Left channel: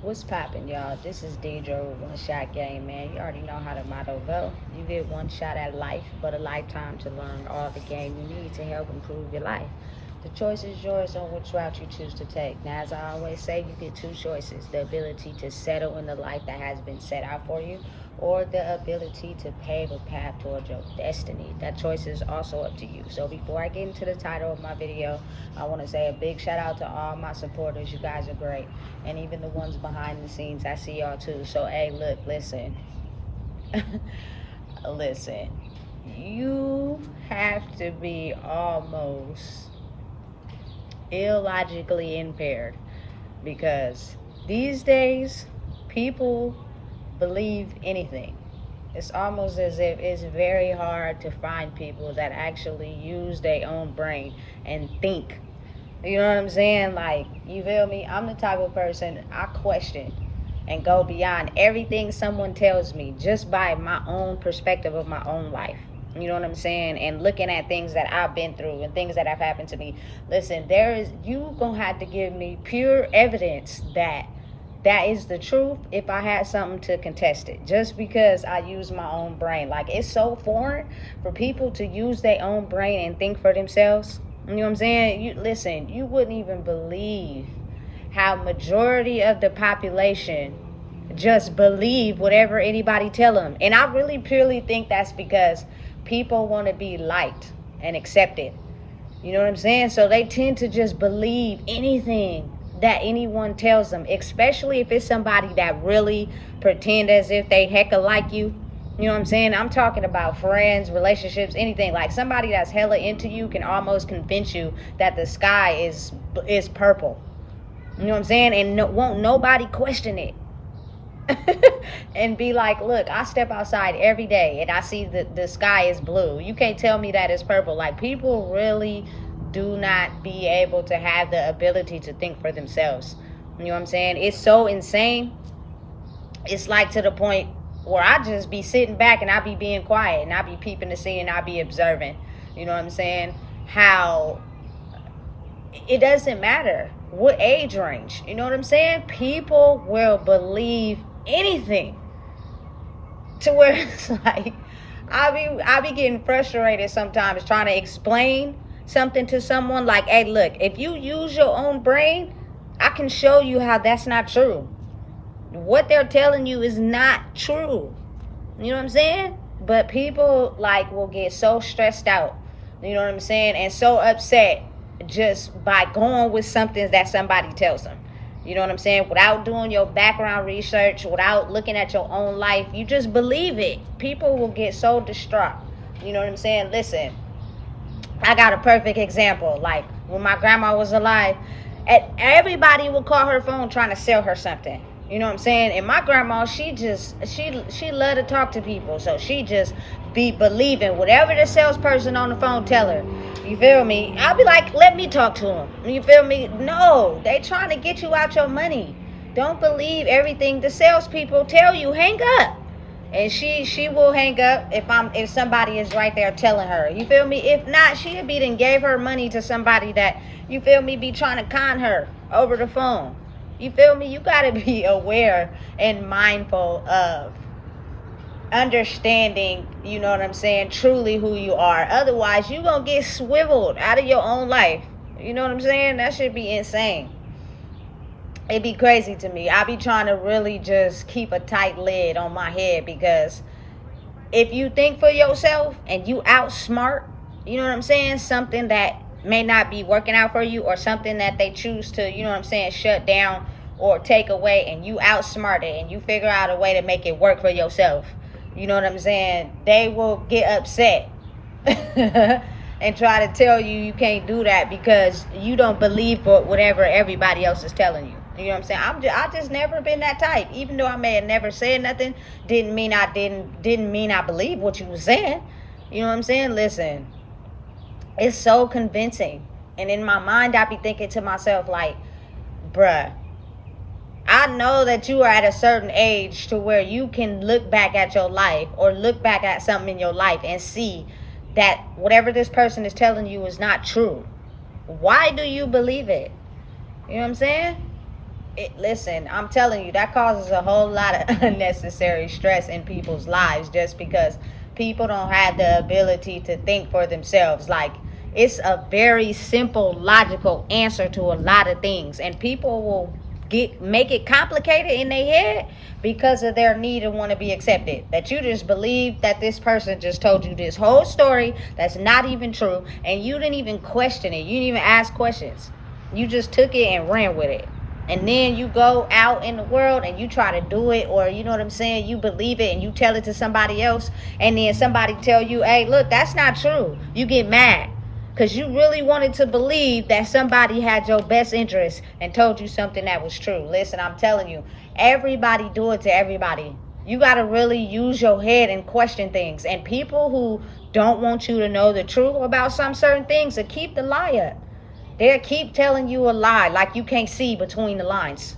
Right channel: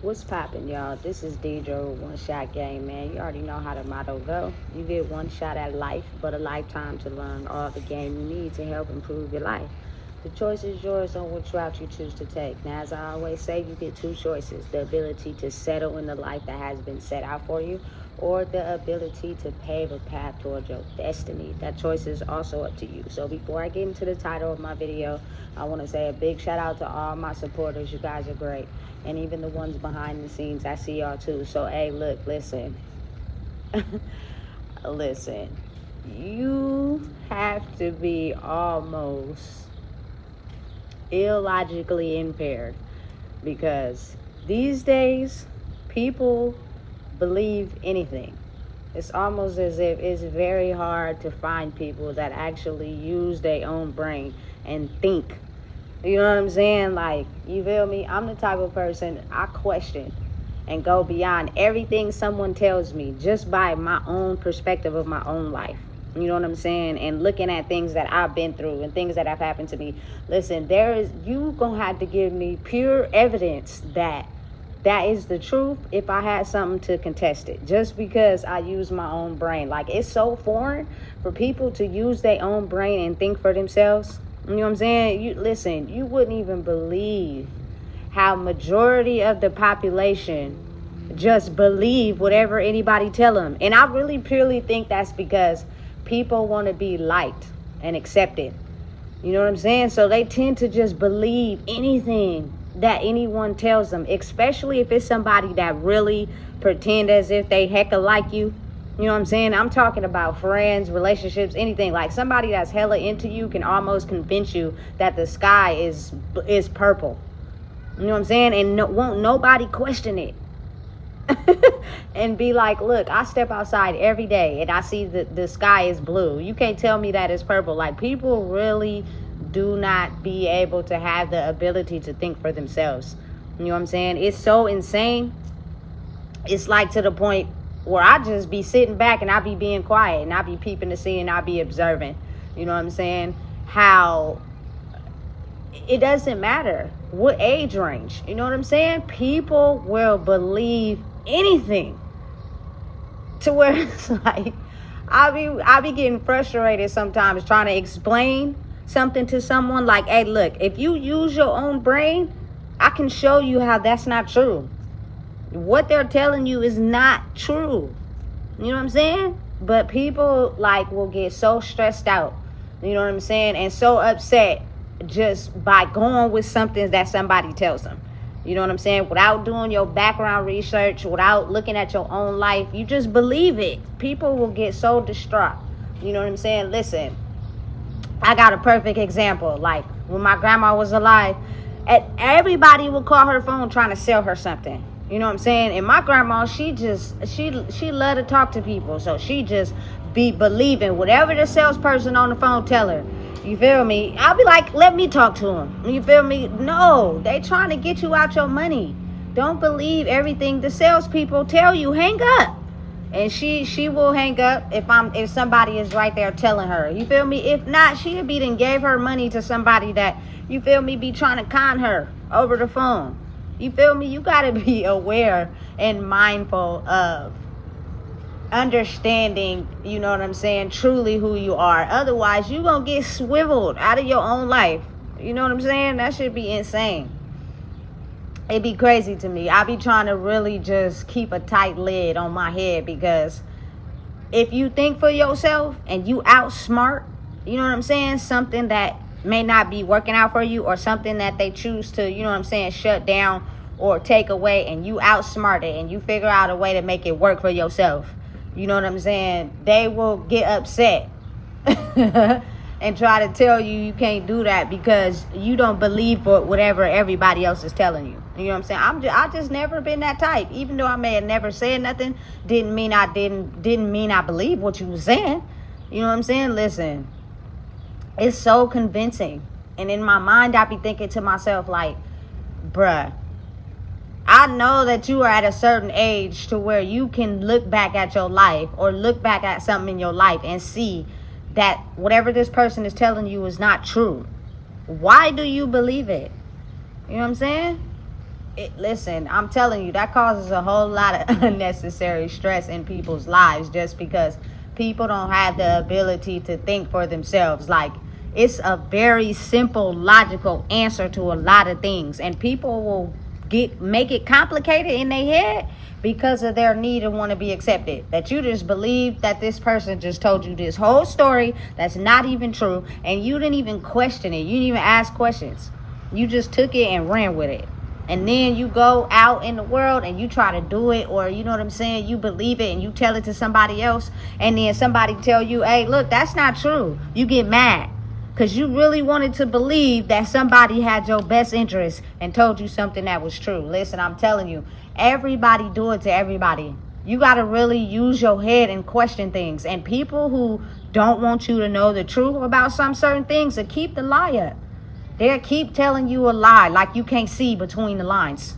What's poppin', y'all? This is Deidre with One Shot Game, man. You already know how the motto go. You get one shot at life, but a lifetime to learn all the game you need to help improve your life. The choice is yours on which route you choose to take. Now, as I always say, you get two choices: the ability to settle in the life that has been set out for you, or the ability to pave a path towards your destiny. That choice is also up to you. So before I get into the title of my video, I want to say a big shout out to all my supporters. You guys are great. And even the ones behind the scenes, I see y'all too. So, hey, look, listen. Listen. You have to be almost illogically impaired, because these days people believe anything. It's almost as if it's very hard to find people that actually use their own brain and think. You know what I'm saying? Like, you feel me? I'm the type of person, I question and go beyond everything someone tells me just by my own perspective of my own life. You know what I'm saying? And looking at things that I've been through and things that have happened to me. Listen, you gonna have to give me pure evidence that is the truth if I had something to contest it. Just because I use my own brain. Like, it's so foreign for people to use their own brain and think for themselves. You know what I'm saying? You wouldn't even believe how majority of the population just believe whatever anybody tell them. And I really purely think that's because people want to be liked and accepted. You know what I'm saying? So they tend to just believe anything that anyone tells them, especially if it's somebody that really pretend as if they hecka like you. You know what I'm saying? I'm talking about friends, relationships, anything. Like, somebody that's hella into you can almost convince you that the sky is purple. You know what I'm saying? And won't nobody question it. And be like, look, I step outside every day and I see the sky is blue. You can't tell me that it's purple. Like, people really do not be able to have the ability to think for themselves. You know what I'm saying? It's so insane. It's like to the point where I just be sitting back and I be being quiet and I be peeping to see and I be observing. You know what I'm saying? How it doesn't matter what age range. You know what I'm saying? People will believe anything, to where it's like I be getting frustrated sometimes trying to explain something to someone. Like, hey, look, if you use your own brain, I can show you how that's not true. What they're telling you is not true. You know what I'm saying? But people, like, will get so stressed out, you know what I'm saying, and so upset just by going with something that somebody tells them. You know what I'm saying? Without doing your background research, without looking at your own life, you just believe it. People will get so distraught. You know what I'm saying? Listen, I got a perfect example. Like, when my grandma was alive, everybody would call her phone trying to sell her something. You know what I'm saying? And my grandma, she loved to talk to people. So she just be believing whatever the salesperson on the phone tell her. You feel me? I'll be like, let me talk to him. You feel me? No, they trying to get you out your money. Don't believe everything the salespeople tell you. Hang up. And she will hang up if somebody is right there telling her. You feel me? If not, she'll be then gave her money to somebody that, you feel me, be trying to con her over the phone. You feel me? You got to be aware and mindful of understanding, you know what I'm saying, truly who you are. Otherwise, you going to get swiveled out of your own life. You know what I'm saying? That should be insane. It'd be crazy to me. I be trying to really just keep a tight lid on my head, because if you think for yourself and you outsmart, you know what I'm saying, something that may not be working out for you, or something that they choose to, you know what I'm saying, shut down or take away, and you outsmart it and you figure out a way to make it work for yourself, you know what I'm saying, they will get upset and try to tell you you can't do that because you don't believe whatever everybody else is telling you. You know what I'm saying? I just never been that type. Even though I may have never said nothing, didn't mean I believe what you was saying. You know what I'm saying? Listen, it's so convincing. And in my mind, I be thinking to myself, like, bruh, I know that you are at a certain age to where you can look back at your life, or look back at something in your life and see that whatever this person is telling you is not true. Why do you believe it? You know what I'm saying? Listen, I'm telling you, that causes a whole lot of unnecessary stress in people's lives just because people don't have the ability to think for themselves. Like, it's a very simple, logical answer to a lot of things, and people will make it complicated in their head because of their need to want to be accepted. That you just believe that this person just told you this whole story that's not even true, and you didn't even question it. You didn't even ask questions. You just took it and ran with it. And then you go out in the world and you try to do it, or you know what I'm saying, you believe it and you tell it to somebody else, and then somebody tell you, hey, look, that's not true. You get mad because you really wanted to believe that somebody had your best interest and told you something that was true. Listen, I'm telling you, everybody do it to everybody. You got to really use your head and question things. And people who don't want you to know the truth about some certain things will keep the lie up. They'll keep telling you a lie like you can't see between the lines.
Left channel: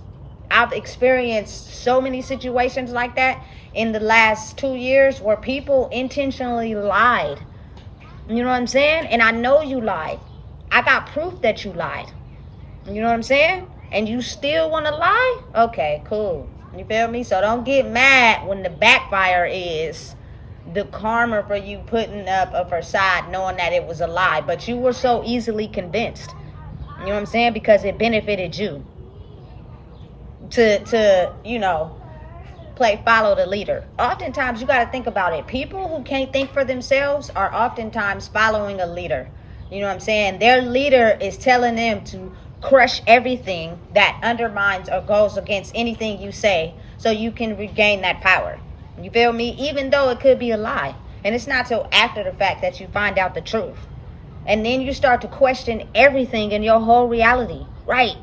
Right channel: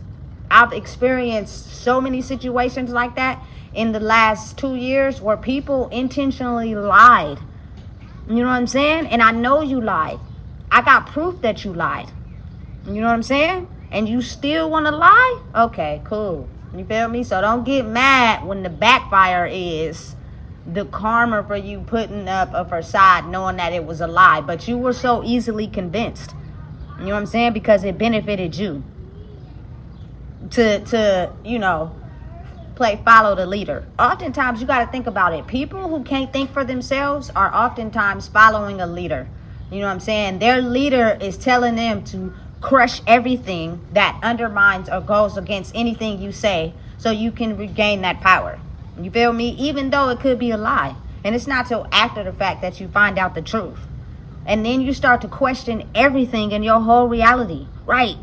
I've experienced so many situations like that in the last 2 years where people intentionally lied. You know what I'm saying? And I know you lied. I got proof that you lied. You know what I'm saying? And you still want to lie? Okay, cool. You feel me? So don't get mad when the backfire is the karma for you putting up a facade knowing that it was a lie. But you were so easily convinced. You know what I'm saying? Because it benefited you to follow the leader. Oftentimes, you got to think about it. People who can't think for themselves are oftentimes following a leader. You know what I'm saying? Their leader is telling them to crush everything that undermines or goes against anything you say so you can regain that power. You feel me? Even though it could be a lie. And it's not till after the fact that you find out the truth. And then you start to question everything in your whole reality. Right.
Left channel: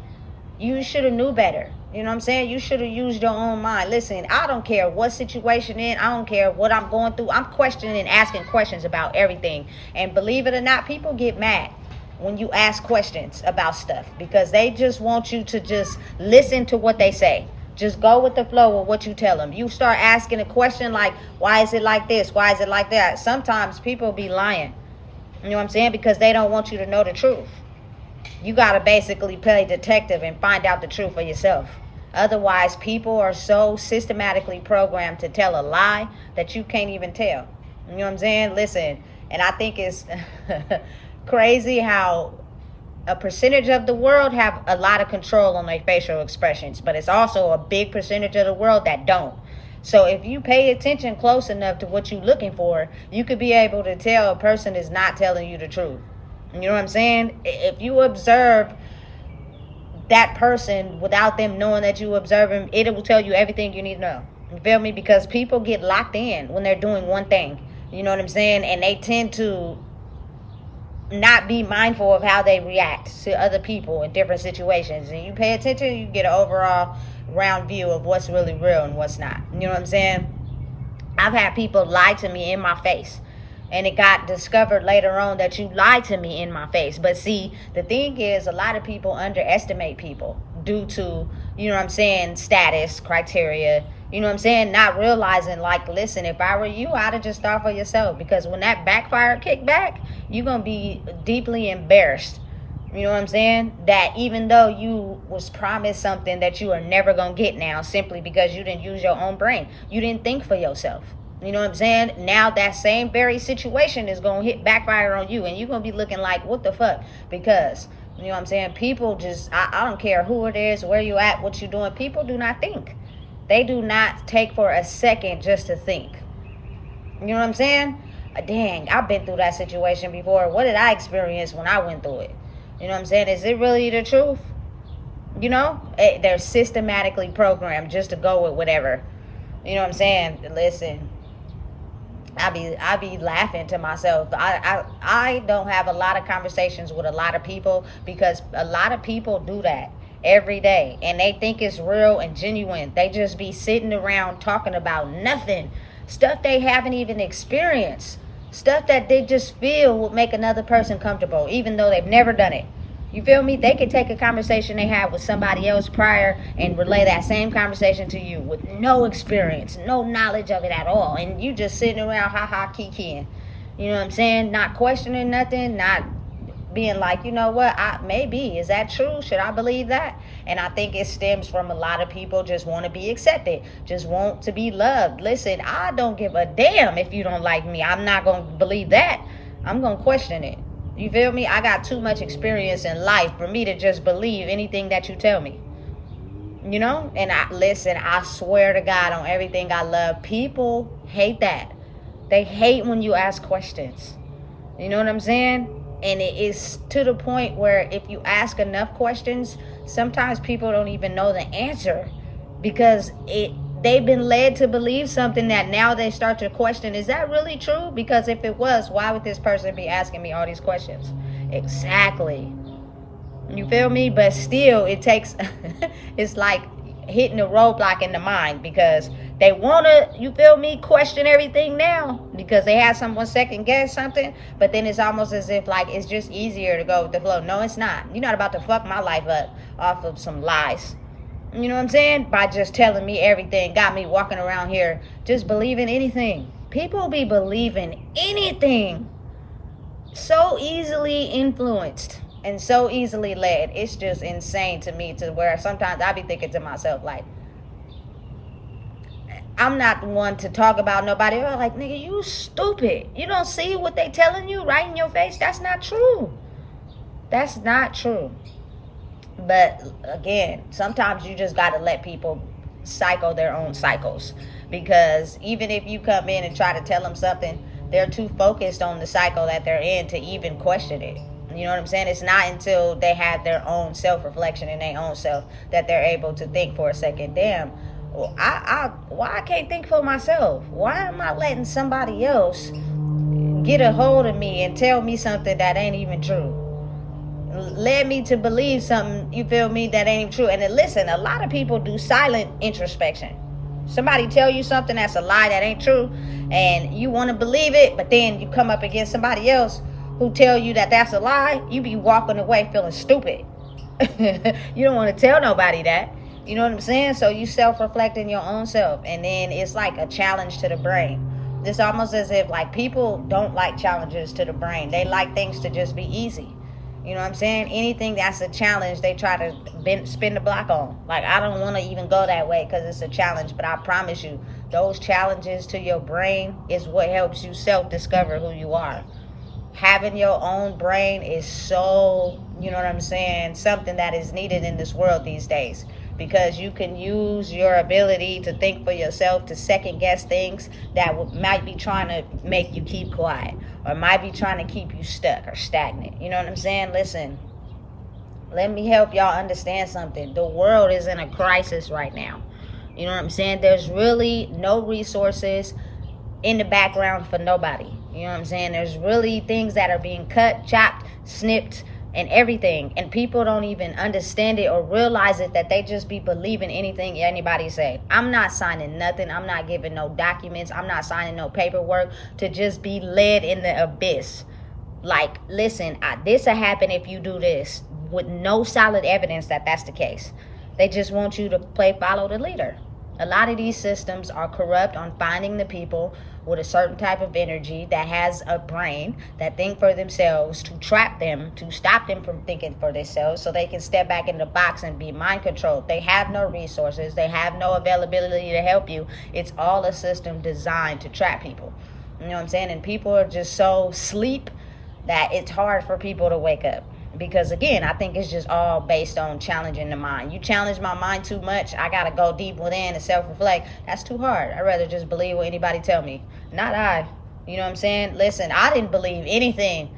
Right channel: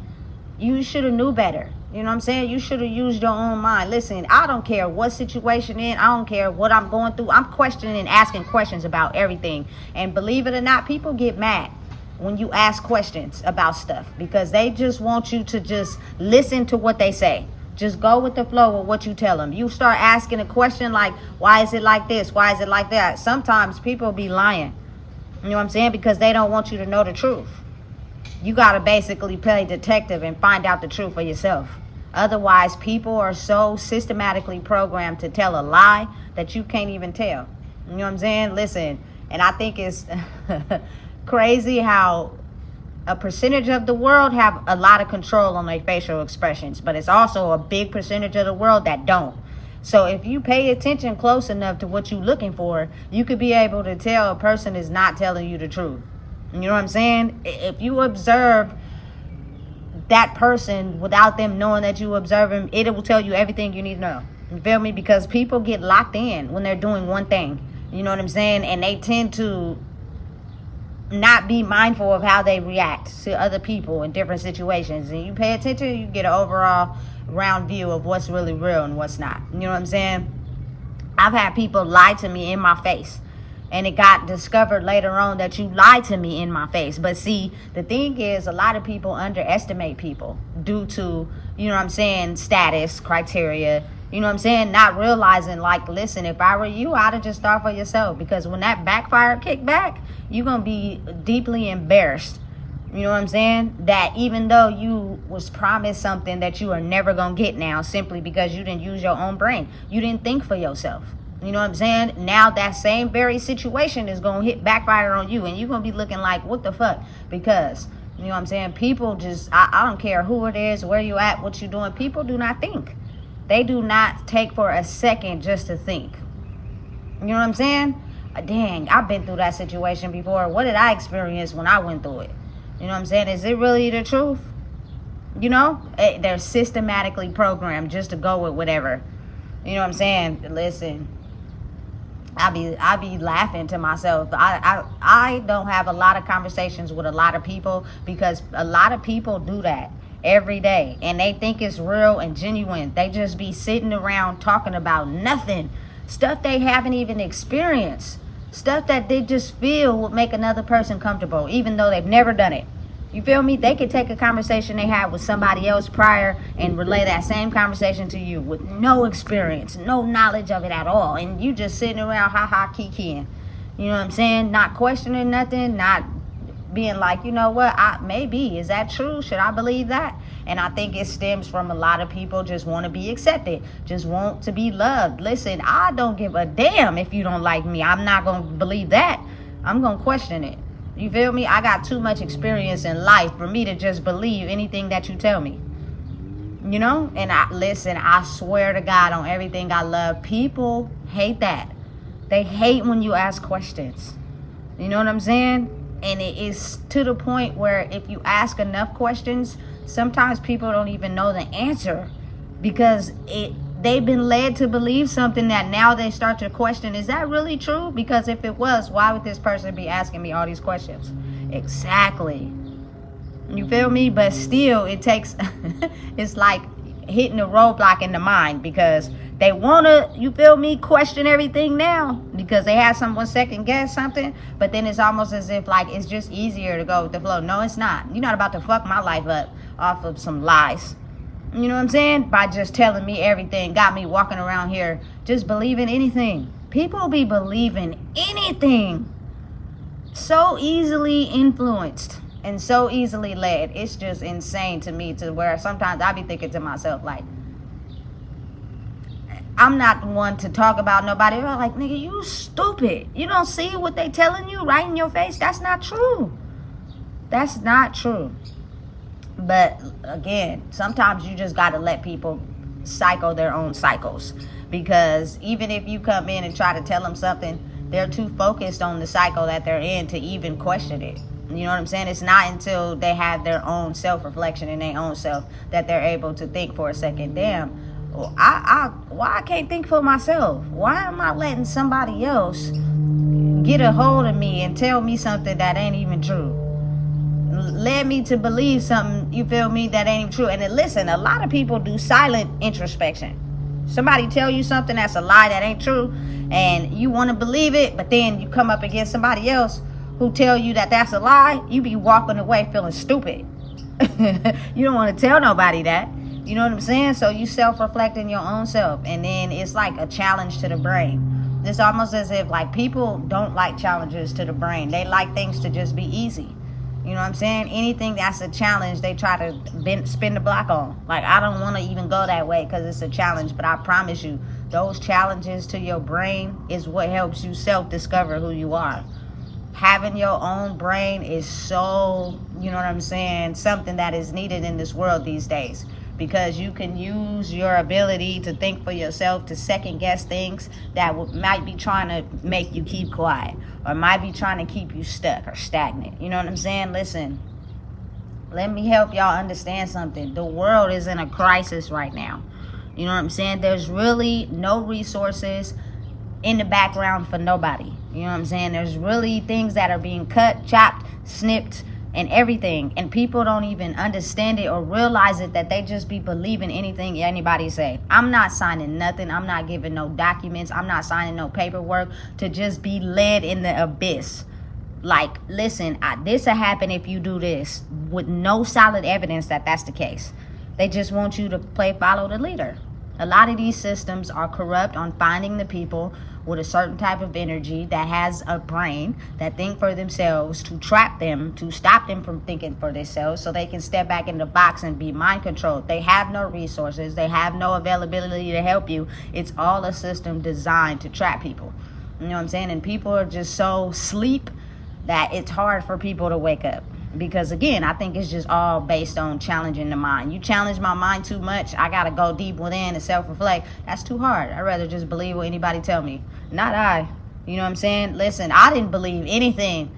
You should have knew better. You know what I'm saying? You should have used your own mind. Listen, I don't care what situation in. I don't care what I'm going through. I'm questioning and asking questions about everything. And believe it or not, people get mad when you ask questions about stuff because they just want you to just listen to what they say. Just go with the flow of what you tell them. You start asking a question like, why is it like this? Why is it like that? Sometimes people be lying. You know what I'm saying? Because they don't want you to know the truth. You got to basically play detective and find out the truth for yourself. Otherwise, people are so systematically programmed to tell a lie that you can't even tell. You know what I'm saying? Listen, and I think it's crazy how a percentage of the world have a lot of control on their facial expressions, but it's also a big percentage of the world that don't. So if you pay attention close enough to what you're looking for, you could be able to tell a person is not telling you the truth. You know what I'm saying? If you observe that person without them knowing that you observe them, it will tell you everything you need to know. You feel me? Because people get locked in when they're doing one thing. You know what I'm saying? And they tend to not be mindful of how they react to other people in different situations. And you pay attention, you get an overall round view of what's really real and what's not. You know what I'm saying? I've had people lie to me in my face, and it got discovered later on that you lied to me in my face. But see, the thing is, a lot of people underestimate people due to, you know what I'm saying, status, criteria, you know what I'm saying, not realizing, like, listen, if I were you, I'd have just thought for yourself. Because when that backfire kick back, you're going to be deeply embarrassed. You know what I'm saying? That even though you was promised something that you are never going to get now simply because you didn't use your own brain. You didn't think for yourself. You know what I'm saying? Now that same very situation is going to hit backfire on you. And you're going to be looking like, what the fuck? Because, you know what I'm saying? People just, I don't care who it is, where you at, what you doing. People do not think. They do not take for a second just to think. You know what I'm saying? Dang, I've been through that situation before. What did I experience when I went through it? You know what I'm saying? Is it really the truth? You know? They're systematically programmed just to go with whatever. You know what I'm saying? Listen, I be laughing to myself. I don't have a lot of conversations with a lot of people because a lot of people do that every day. And they think it's real and genuine. They just be sitting around talking about nothing. Stuff they haven't even experienced. Stuff that they just feel would make another person comfortable, even though they've never done it. You feel me? They could take a conversation they had with somebody else prior and relay that same conversation to you with no experience, no knowledge of it at all. And you just sitting around ha-ha kikiing. You know what I'm saying? Not questioning nothing, not being like, you know what, maybe, is that true? Should I believe that? And I think it stems from a lot of people just want to be accepted, just want to be loved. Listen, I don't give a damn if you don't like me. I'm not going to believe that. I'm going to question it. You feel me? I got too much experience in life for me to just believe anything that you tell me. You know? And I swear to God on everything I love, people hate that. They hate when you ask questions. You know what I'm saying? And it is to the point where if you ask enough questions, sometimes people don't even know the answer because they've been led to believe something that now they start to question, is that really true? Because if it was, why would this person be asking me all these questions? Exactly. You feel me? But still, it takes, it's like hitting a roadblock in the mind because they want to, you feel me, question everything now because they have someone second guess something. But then it's almost as if like it's just easier to go with the flow. No, it's not. You're not about to fuck my life up off of some lies. You know what I'm saying? By just telling me everything, got me walking around here just believing anything. People be believing anything. So easily influenced and so easily led. It's just insane to me to where sometimes I be thinking to myself like, I'm not the one to talk about nobody. I'm like, nigga, you stupid. You don't see what they telling you right in your face? That's not true. That's not true. But again, sometimes you just got to let people cycle their own cycles. Because even if you come in and try to tell them something, they're too focused on the cycle that they're in to even question it. You know what I'm saying? It's not until they have their own self-reflection in their own self that they're able to think for a second, damn, why I can't think for myself? Why am I letting somebody else get a hold of me and tell me something that ain't even true? Led me to believe something, you feel me, that ain't even true. And then listen, a lot of people do silent introspection. Somebody tell you something that's a lie that ain't true and you want to believe it, but then you come up against somebody else who tell you that that's a lie, you be walking away feeling stupid. You don't want to tell nobody that. You know what I'm saying? So you self-reflecting your own self. And then it's like a challenge to the brain. It's almost as if like people don't like challenges to the brain. They like things to just be easy. You know what I'm saying? Anything that's a challenge, they try to spin the block on. Like, I don't want to even go that way because it's a challenge. But I promise you, those challenges to your brain is what helps you self-discover who you are. Having your own brain is so, you know what I'm saying, something that is needed in this world these days. Because you can use your ability to think for yourself to second guess things that might be trying to make you keep quiet or might be trying to keep you stuck or stagnant. You know what I'm saying? Listen, let me help y'all understand something. The world is in a crisis right now. You know what I'm saying? There's really no resources in the background for nobody. You know what I'm saying? There's really things that are being cut, chopped, snipped, and everything, and people don't even understand it or realize it, that they just be believing anything anybody say. I'm not signing nothing. I'm not giving no documents. I'm not signing no paperwork to just be led in the abyss. Like, listen, this will happen if you do this, with no solid evidence that that's the case. They just want you to follow the leader. A lot of these systems are corrupt on finding the people with a certain type of energy that has a brain that think for themselves, to trap them, to stop them from thinking for themselves so they can step back in the box and be mind controlled. They have no resources. They have no availability to help you. It's all a system designed to trap people. You know what I'm saying? And people are just so asleep that it's hard for people to wake up. Because again, I think it's just all based on challenging the mind. You challenge my mind too much, I gotta go deep within and self-reflect. That's too hard. I'd rather just believe what anybody tell me. Not I. You know what I'm saying? Listen, I didn't believe anything.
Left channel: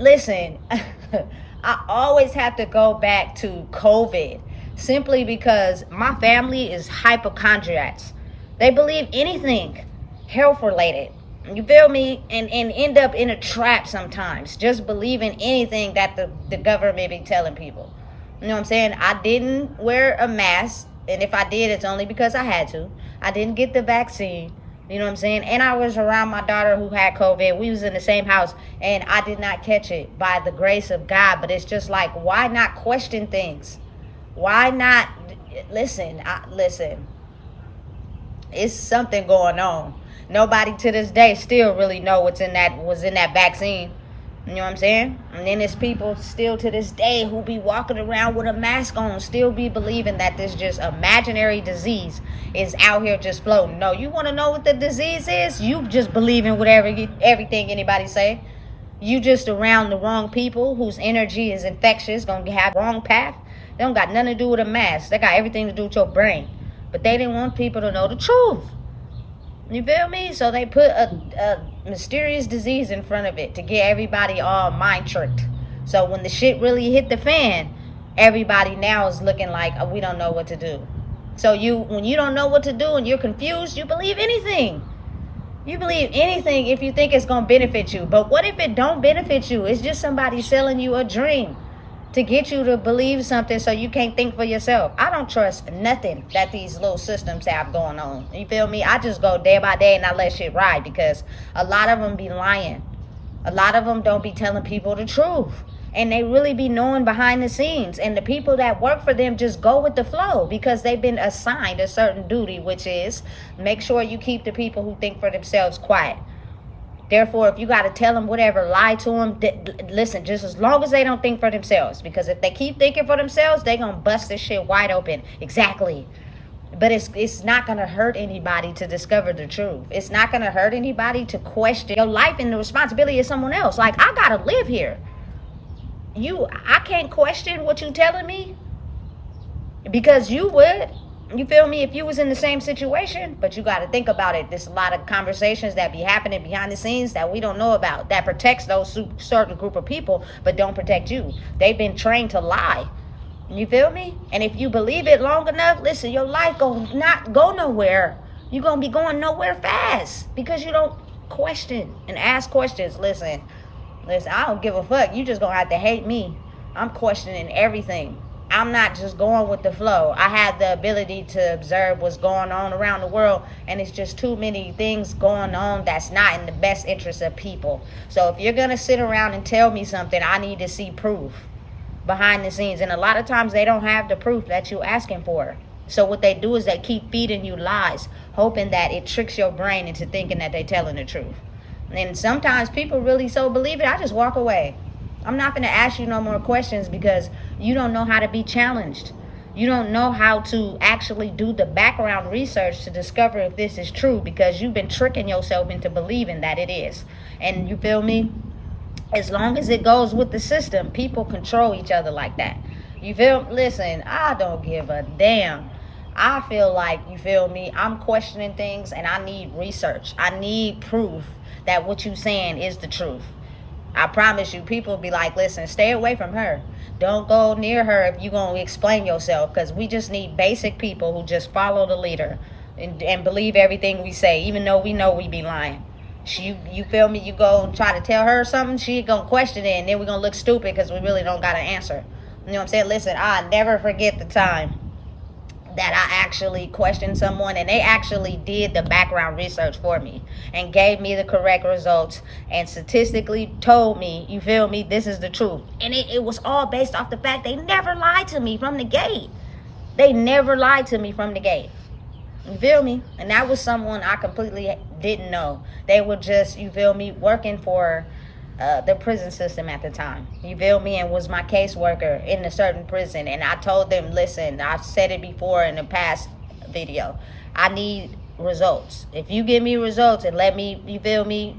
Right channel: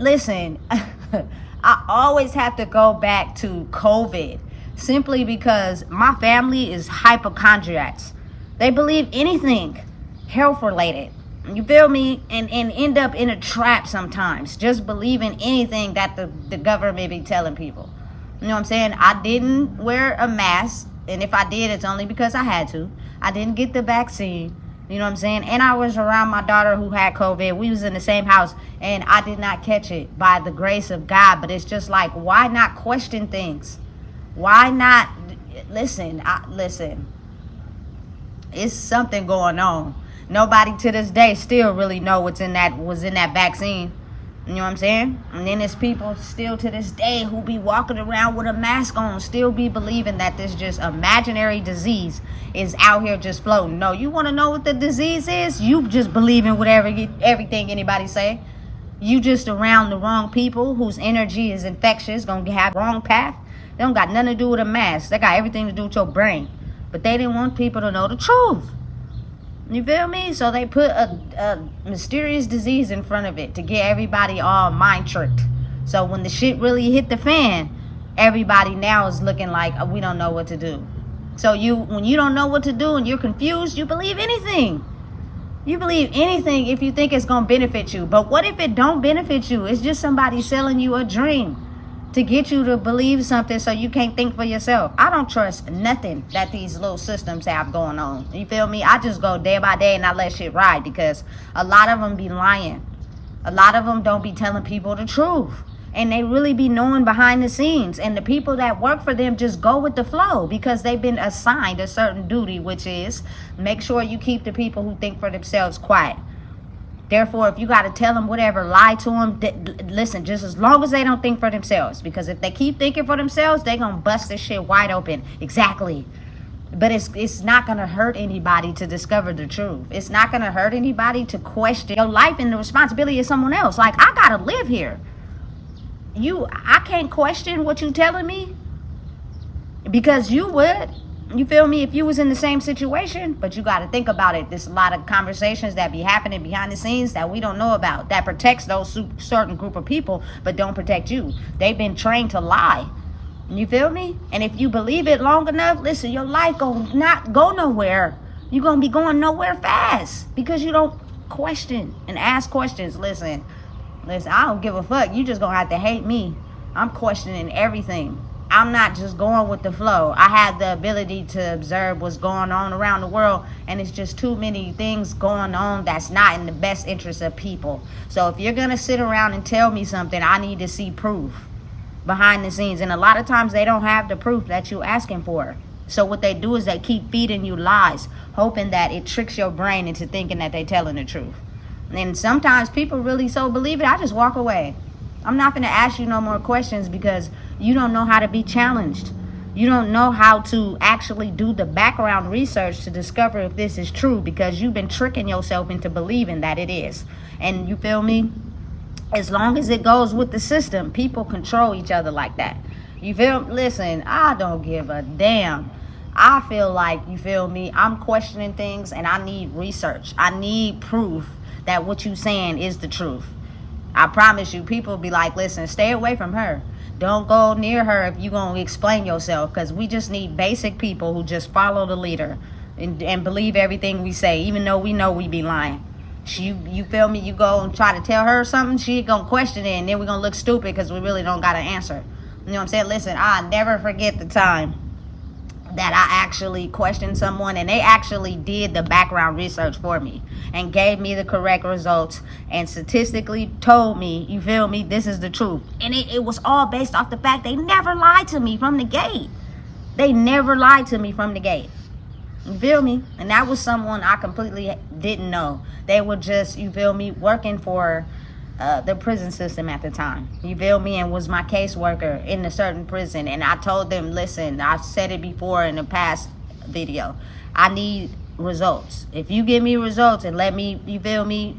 Listen, I always have to go back to COVID simply because my family is hypochondriacs. They believe anything health related. You feel me? And end up in a trap sometimes, just believing anything that the government be telling people. You know what I'm saying? I didn't wear a mask, and if I did, it's only because I had to. I didn't get the vaccine. You know what I'm saying? And I was around my daughter who had COVID. We was in the same house, and I did not catch it by the grace of God. But it's just like, why not question things? Why not listen? Listen. It's something going on. Nobody to this day still really know was in that vaccine. You know what I'm saying? And then there's people still to this day who be walking around with a mask on, still be believing that this just imaginary disease is out here just floating. No, you want to know what the disease is? You just believe in whatever everything anybody say. You just around the wrong people whose energy is infectious, gonna have wrong path. They don't got nothing to do with a mask. They got everything to do with your brain. But they didn't want people to know the truth. You feel me? So they put a mysterious disease in front of it to get everybody all mind tricked. So when the shit really hit the fan, everybody now is looking like, we don't know what to do. So when you don't know what to do and you're confused, you believe anything. You believe anything if you think it's going to benefit you. But what if it don't benefit you? It's just somebody selling you a dream to get you to believe something so you can't think for yourself. I don't trust nothing that these little systems have going on. You feel me? I just go day by day and I let shit ride, because a lot of them be lying. A lot of them don't be telling people the truth. And they really be knowing behind the scenes. And the people that work for them just go with the flow, because they've been assigned a certain duty, which is make sure you keep the people who think for themselves quiet. Therefore, if you got to tell them whatever, lie to them, listen, just as long as they don't think for themselves. Because if they keep thinking for themselves, they going to bust this shit wide open. Exactly. But it's not going to hurt anybody to discover the truth. It's not going to hurt anybody to question your life and the responsibility of someone else. Like, I got to live here. I can't question what you telling me, because you would. You feel me? If you was in the same situation. But you got to think about it. There's a lot of conversations that be happening behind the scenes that we don't know about, that protects those certain group of people but don't protect you. They've been trained to lie. You feel me? And if you believe it long enough, listen, your life gonna not go nowhere. You're gonna be going nowhere fast because you don't question and ask questions. Listen, I don't give a fuck. You just gonna have to hate me. I'm questioning everything. I'm not just going with the flow. I have the ability to observe what's going on around the world, and it's just too many things going on that's not in the best interest of people. So if you're going to sit around and tell me something, I need to see proof behind the scenes. And a lot of times they don't have the proof that you're asking for. So what they do is they keep feeding you lies, hoping that it tricks your brain into thinking that they're telling the truth. And sometimes people really so believe it, I just walk away. I'm not going to ask you no more questions, because you don't know how to be challenged. You don't know how to actually do the background research to discover if this is true, because you've been tricking yourself into believing that it is. And you feel me? As long as it goes with the system, people control each other like that. You feel? Listen, I don't give a damn. I feel like, you feel me, I'm questioning things and I need research. I need proof that what you saying is the truth. I promise you, people be like, listen, stay away from her. Don't go near her if you're going to explain yourself, because we just need basic people who just follow the leader and believe everything we say, even though we know we be lying. You feel me? You go and try to tell her something, she going to question it, and then we're going to look stupid because we really don't got an answer. You know what I'm saying? Listen, I'll never forget the time that I actually questioned someone and they actually did the background research for me and gave me the correct results and statistically told me, you feel me, this is the truth. And it was all based off the fact they never lied to me from the gate. They never lied to me from the gate. You feel me? And that was someone I completely didn't know. They were just, you feel me, working for the prison system at the time. You feel me? And was my caseworker in a certain prison. And I told them, listen, I've said it before in the past video, I need results. If you give me results and let me, you feel me,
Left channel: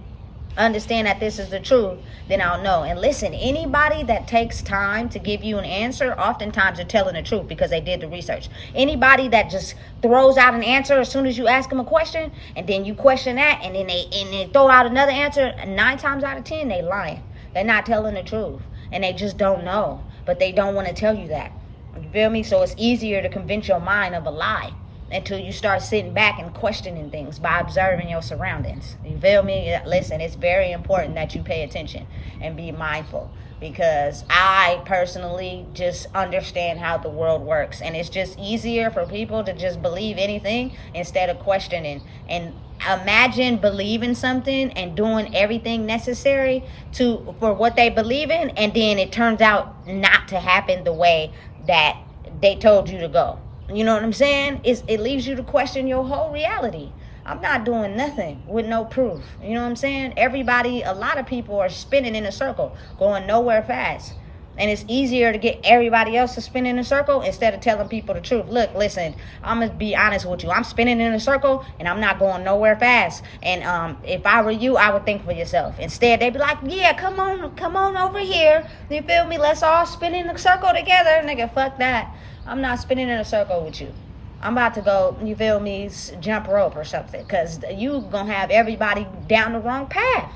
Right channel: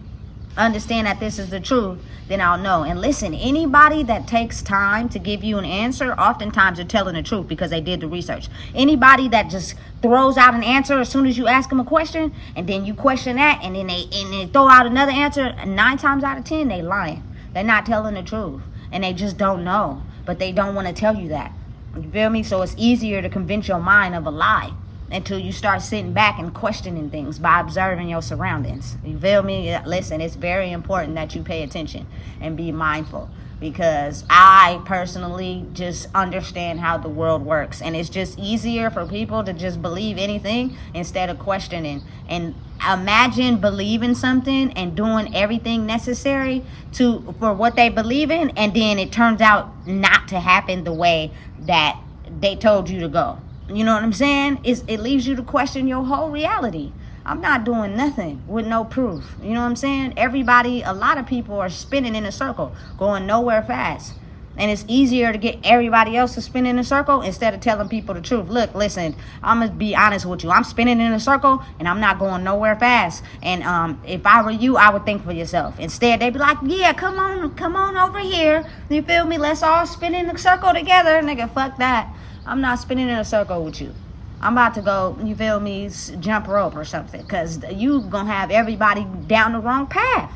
understand that this is the truth, then I'll know. And listen, anybody that takes time to give you an answer, oftentimes they're telling the truth because they did the research. Anybody that just throws out an answer as soon as you ask them a question, and then you question that, and then they throw out another answer, 9 times out of 10 they lying. They're not telling the truth, and they just don't know, but they don't want to tell you that. You feel me? So it's easier to convince your mind of a lie until you start sitting back and questioning things by observing your surroundings. You feel me? Listen, it's very important that you pay attention and be mindful, because I personally just understand how the world works, and it's just easier for people to just believe anything instead of questioning. And imagine believing something and doing everything necessary for what they believe in, and then it turns out not to happen the way that they told you to go. You know what I'm saying? It leaves you to question your whole reality. I'm not doing nothing with no proof. You know what I'm saying? A lot of people are spinning in a circle, going nowhere fast. And it's easier to get everybody else to spin in a circle instead of telling people the truth. Look, listen, I'm going to be honest with you. I'm spinning in a circle and I'm not going nowhere fast. And if I were you, I would think for yourself. Instead, they'd be like, yeah, come on over here. You feel me? Let's all spin in a circle together. Nigga, fuck that. I'm not spinning in a circle with you. I'm about to go, you feel me, jump rope or something. Because you going to have everybody down the wrong path.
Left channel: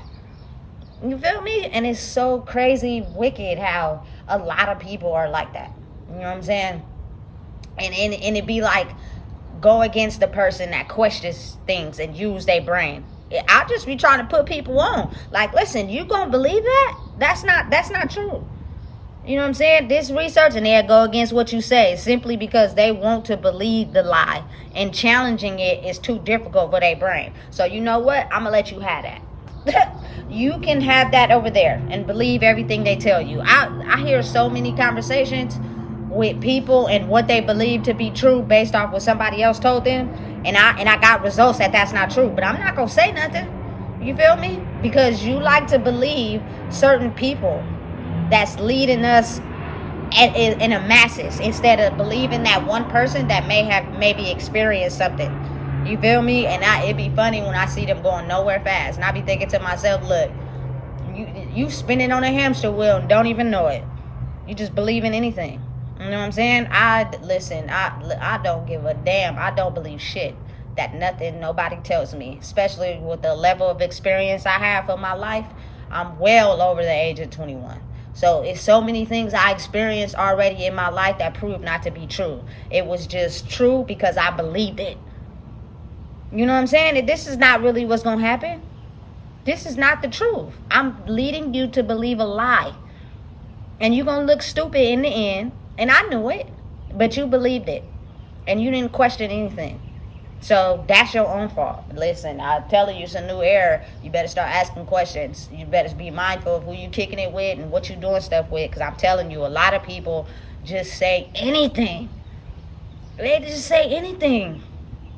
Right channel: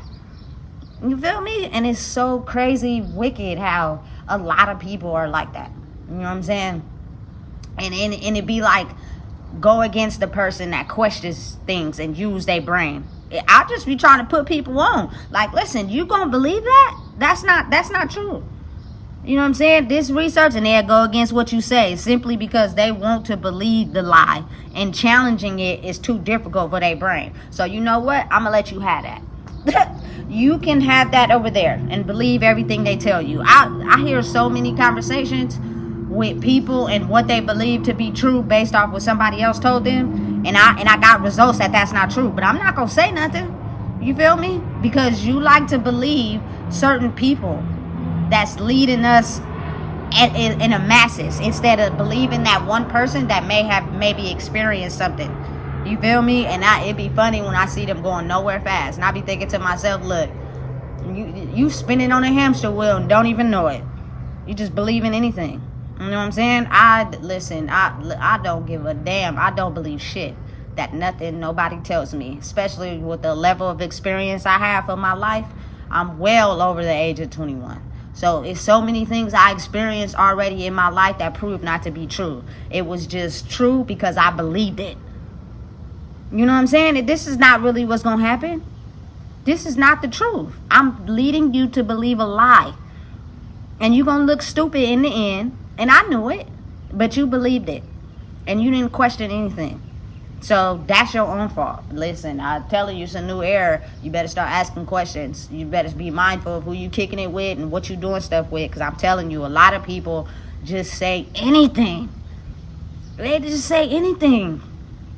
You feel me? And it's so crazy, wicked how a lot of people are like that. You know what I'm saying? And it be like, go against the person that questions things and use their brain. I just be trying to put people on. Like, listen, you gonna believe that? That's not true. You know what I'm saying? This research, and they'll go against what you say simply because they want to believe the lie. And challenging it is too difficult for their brain. So you know what? I'm gonna let you have that. You can have that over there and believe everything they tell you. I hear so many conversations with people and what they believe to be true based off what somebody else told them, and I got results that's not true, but I'm not gonna say nothing. You feel me? Because you like to believe certain people that's leading us in a masses instead of believing that one person that maybe experienced something. You feel me? And it'd be funny when I see them going nowhere fast. And I be thinking to myself, look, you spinning on a hamster wheel and don't even know it. You just believe in anything. You know what I'm saying? I don't give a damn. I don't believe shit that nobody tells me. Especially with the level of experience I have for my life. I'm well over the age of 21. So it's so many things I experienced already in my life that proved not to be true. It was just true because I believed it. You know what I'm saying? This is not really what's going to happen. This is not the truth. I'm leading you to believe a lie. And you're going to look stupid in the end. And I knew it. But you believed it. And you didn't question anything. So that's your own fault. Listen, I'm telling you, it's a new era. You better start asking questions. You better be mindful of who you kicking it with and what you doing stuff with. Because I'm telling you, a lot of people just say anything. They just say anything.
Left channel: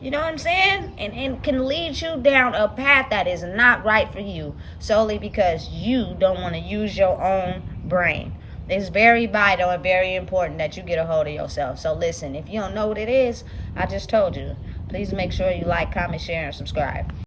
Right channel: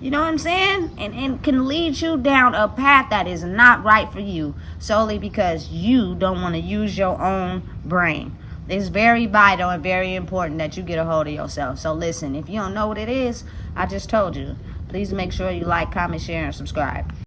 You know what I'm saying? And can lead you down a path that is not right for you solely because you don't want to use your own brain. It's very vital and very important that you get a hold of yourself. So listen, if you don't know what it is, I just told you. Please make sure you like, comment, share, and subscribe.